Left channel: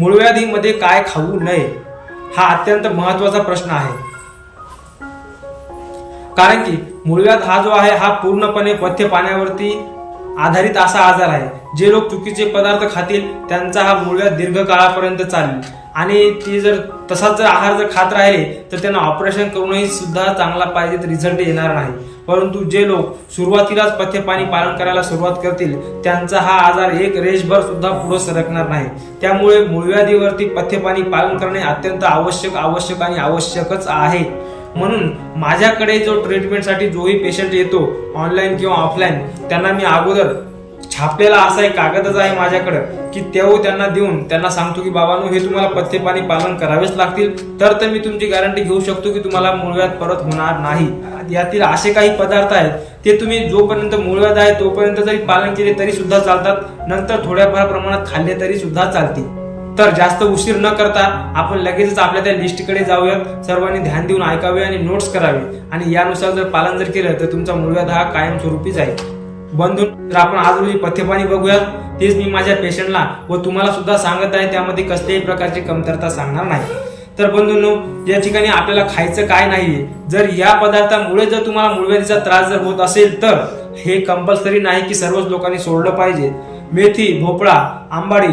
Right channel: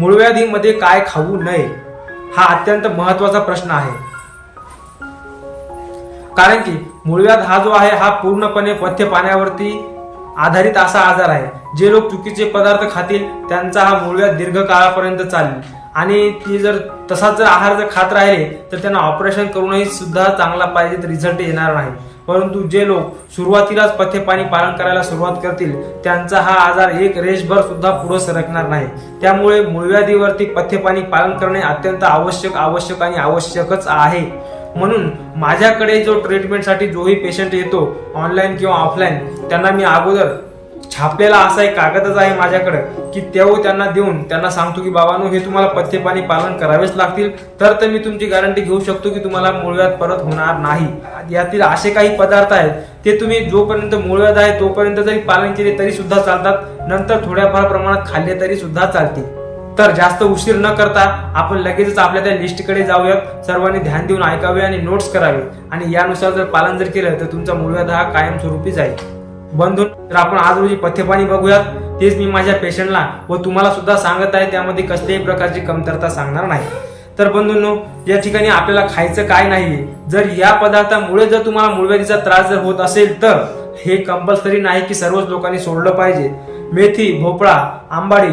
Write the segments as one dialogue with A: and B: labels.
A: मूळव्याधीमध्ये काय खाऊ नये हा अत्यंत महत्त्वाचा प्रश्न आहे. कारण की मूळव्याध हा जो आहे हा पूर्णपणे पथ्य पाण्यावरती आधारित असा आजार आहे. जे लोक चुकीचे पदार्थ खातील त्यांचा हा मुळव्या दीर्घकाळापर्यंत चालेल. आणि ती जर तसाच जर आहार जर खात राहिले तर त्यांना ऑपरेशन करूनही सुद्धा चांगला पाहिजे तर रिझल्ट येणार नाही. परंतु जे लोक सुरुवातीलाच पथ्यपाणी पालन करायला सुरुवात करतील त्यांचा हा आजार एक रेशभर सुद्धा पुढे सरकणार नाही. त्यामुळे मूळव्याधीवरती पथ्यपाणी पालन करणे अत्यंत आवश्यक आवश्यक आणि आवश्यकच आहे. म्हणून माझ्याकडे जो ट्रीटमेंटसाठी जोही पेशंट येतो ऑनलाईन किंवा ऑफलाईन त्यांना मी अगोदर छापलेला असा एक कागदच आहे माझ्याकडं की तेव्हा त्यांना देऊन त्यांना सांगतो की बाबांनो हे तुम्हाला पथ्यपाणी पालन करावेच लागतील. तर तर मी तुमची गॅरंटी घेऊ शकतो की तुम्हाला मूळव्याध परत होणार नाही. यातील असे काही पदार्थ आहेत ते तुम्ही जोपर्यंत मूळव्याध आहे तोपर्यंत जरी पालन केले तरी सुद्धा चालतात. नंतर थोड्याफार प्रमाणात खाल्ले तरी सुद्धा चालतील. तर जास्त उशीर न करता आपण लगेचच आपल्या त्या लिस्टकडे जाऊयात. सर्वांनी ध्यान देऊन ऐकावे आणि नोट्स करावे. आणि यानुसार जर पालन जर केलं तर तुमचा मूळव्याध हा कायमस्वरूपी जाईल. बंधून तर आपण आज रोजी पथ्यपाणी बघूयात. तेच मी माझ्या पेशंटला व तुम्हाला सुद्धा सांगत आहे. त्यामध्ये कसल्याही प्रकारची कमतरता सांगणार नाही. तर बंधूंनो या ठिकाणी आपल्याला खायचं काय नाहीये. जर या पदार्थामुळे जर तुम्हाला मूळव्याधीचा त्रास जर होत असेल तर हे कंपल्सरी नाही की सर्वच लोकांनी सोडलं पाहिजे. मेथी भोपळा आंबाडी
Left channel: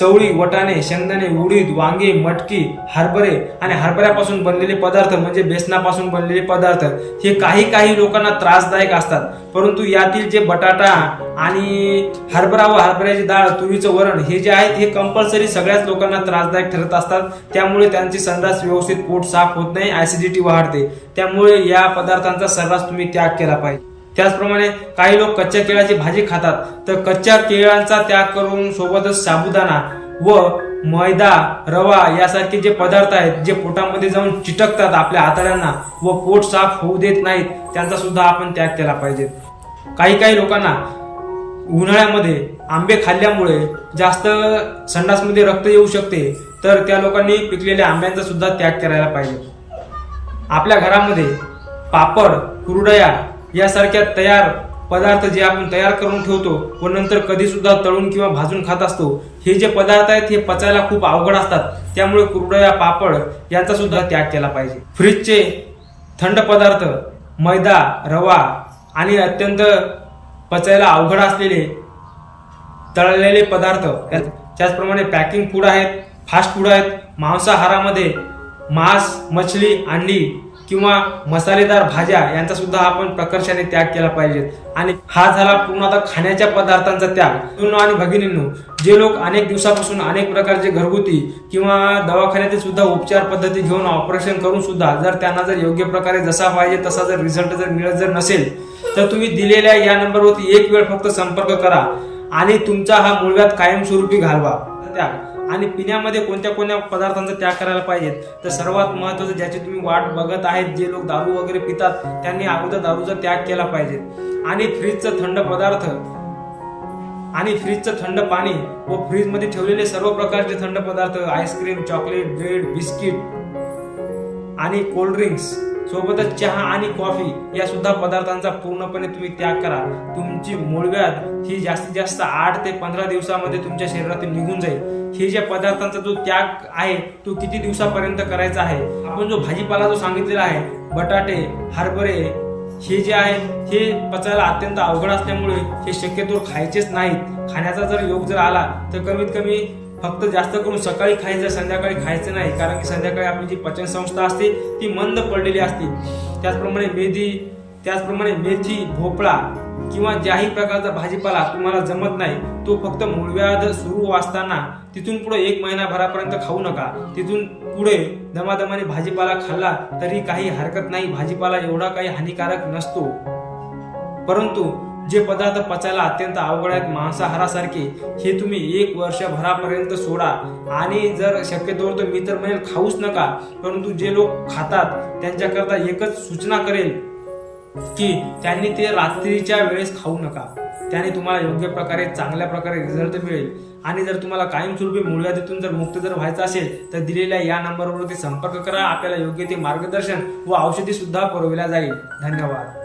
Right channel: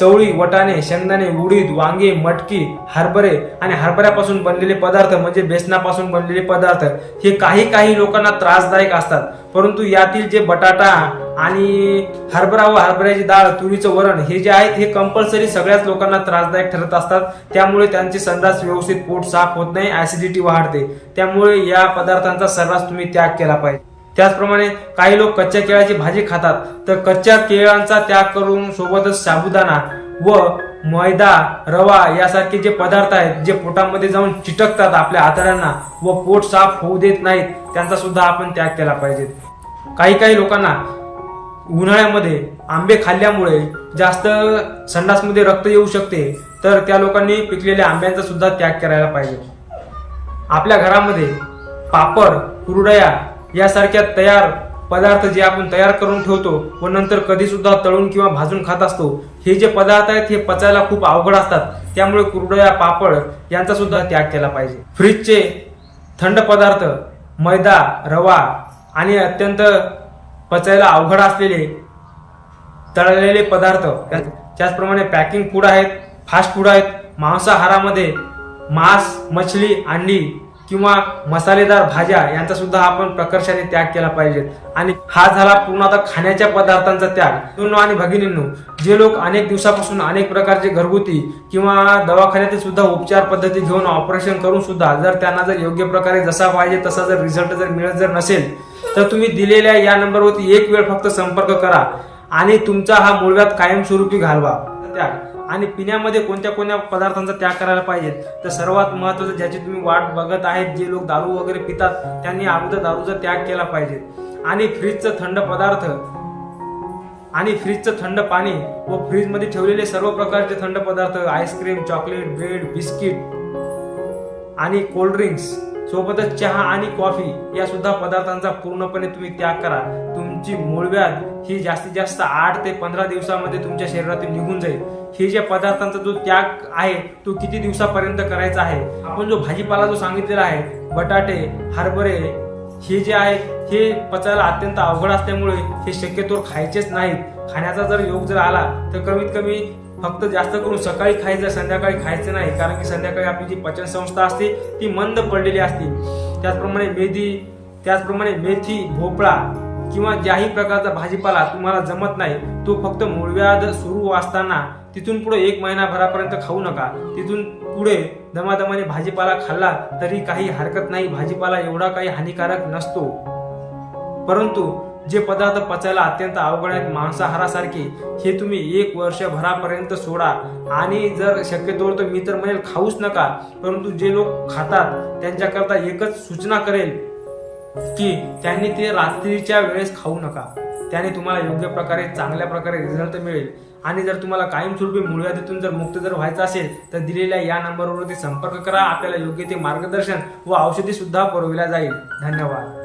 A: चवळी वटाणे शेंगदाणे उडीद वांगे मटकी हरभरे आणि हरभऱ्यापासून बनलेले पदार्थ म्हणजे बेसनापासून बनलेले पदार्थ हे काही काही लोकांना त्रासदायक असतात. परंतु यातील जे बटाटा आणि हरभरा व हरभऱ्याची डाळ तुरीचं वरण हे जे आहेत हे कंपल्सरी सगळ्याच लोकांना त्रासदायक ठरत असतात. त्यामुळे त्यांची संडास व्यवस्थित पोट साफ होत नाही ऍसिडिटी वाढते. त्यामुळे या पदार्थांचा सर्रास तुम्ही त्याग केला पाहिजे. त्याचप्रमाणे काही लोक कच्च्या केळाची भाजी खातात. तर कच्च्या केळांचा त्याग करून सोबतच साबुदाणा व मैदा रवा यासारखे जे पदार्थ आहेत जे पोटामध्ये जाऊन चिटकतात आपल्या आतड्यांना व पोट साफ होऊ देत नाहीत त्यांचा सुद्धा आपण त्याग केला पाहिजे. काही काही लोकांना उन्हाळ्यामध्ये आंबे खाल्ल्यामुळे जास्त संडासमध्ये रक्त येऊ शकते तर त्या लोकांनी पिकलेल्या आंब्यांचा सुद्धा त्याग करायला पाहिजे. आपल्या घरामध्ये पापड कुरडया यासारख्या तयार पदार्थ जे आपण तयार करून ठेवतो व नंतर कधी सुद्धा तळून किंवा भाजून खात असतो हे जे पदार्थ आहेत हे पचायला खूप अवघड असतात. त्यामुळे कुरडया पापड यांचा सुद्धा त्याग केला पाहिजे. फ्रीजचे थंड पदार्थ मैदा रवा आणि अत्यंत पचायला अवघड असलेले तळलेले पदार्थ त्याचप्रमाणे पॅकिंग फूड आहेत फास्ट फूड आहेत मांसाहारामध्ये मांस मछली अंडी किंवा मसालेदार भाज्या यांचा सुद्धा आपण प्रकर्षाने त्याग केला पाहिजेत. आणि हा झाला पूर्ण आता खाण्याच्या पदार्थांचा त्याग. बंधूंनो आणि भगिनींनो जे लोक अनेक दिवसापासून अनेक प्रकारचे घरगुती किंवा दवाखान्यातील सुद्धा उपचार पद्धती घेऊन ऑपरेशन करून सुद्धा जर त्यांना जर योग्य प्रकारे जसा पाहिजे तसा जर रिझल्ट जर मिळत जर नसेल तर तुम्ही दिलेल्या या नंबरवरती एक वेळ फक्त संपर्क करा आणि तुमचा हा मूळव्यात कायमस्वरूपी घालवा. त्याग. आणि पिण्यामध्ये कोणत्या कोणत्या पदार्थांचा त्याग करायला पाहिजेत? तर सर्वात महत्वाचं ज्याची तुम्ही वाट बघत आहेत जे लोक दारू वगैरे पितात त्यांनी अगोदर दारूचा त्याग केला पाहिजे. आणि फ्रीजचं थंड पदार्थ आणि फ्रीजचं थंड पाणी व फ्रीजमध्ये ठेवलेले सर्व प्रकारचे थंड पदार्थ ice cream chocolate bread biscuit आणि कोल्ड ड्रिंक्स सोबतच चहा आणि कॉफी या सुद्धा पदार्थांचा पूर्णपणे तुम्ही त्याग करा. तुमची मूळव्याध ही जास्तीत जास्त आठ ते पंधरा दिवसामध्ये तुमच्या शरीरातून निघून जाईल. हे ज्या पदार्थांचा जो त्याग आहे तो किती दिवसापर्यंत करायचा आहे? आपण जो भाजीपाला जो सांगितलेला आहे बटाटे हरभरे हे जे आहे हे पचायला अत्यंत अवघड असल्यामुळे हे शक्यतोवर खायचेच नाहीत. खाण्याचा जर योग जर आला तर कमीत कमी फक्त जास्त करून सकाळी खायचं संध्याकाळी खायचं नाही. कारण की संध्याकाळी आपली जी पचन संस्था असते ती मंद पडलेली असते. त्याचप्रमाणे मेथी त्याचप्रमाणे मेथी भोपळा किंवा ज्याही प्रकारचा भाजीपाला तुम्हाला जमत नाही तो फक्त मूळव्याध सुरू असताना तिथून पुढे एक महिनाभरापर्यंत खाऊ नका. तिथून पुढे दमादमाने भाजीपाला खाल्ला तरी काही हरकत नाही. भाजीपाला एवढा काही हानिकारक नसतो. परंतु जे पदार्थ पचायला अत्यंत अवघड आहेत मांसाहारासारखे हे तुम्ही एक वर्षभरापर्यंत सोडा. आणि जर शक्यतोवर तर मी तर म्हणेल खाऊच नका. परंतु जे लोक खातात त्यांच्याकरता एकच सूचना करेल. की त्यांनी ते रात्रीच्या वेळेस खाऊ नका. त्याने तुम्हाला योग्य प्रकारे चांगल्या प्रकारे रिझल्ट मिळेल. आणि जर तुम्हाला कायमस्वरूपी मूळव्याधीतून जर मुक्त जर व्हायचं असेल तर दिलेल्या या नंबरवरती संपर्क करा. आपल्याला योग्य ते मार्गदर्शन व औषधीसुद्धा पुरविल्या जाईल. धन्यवाद.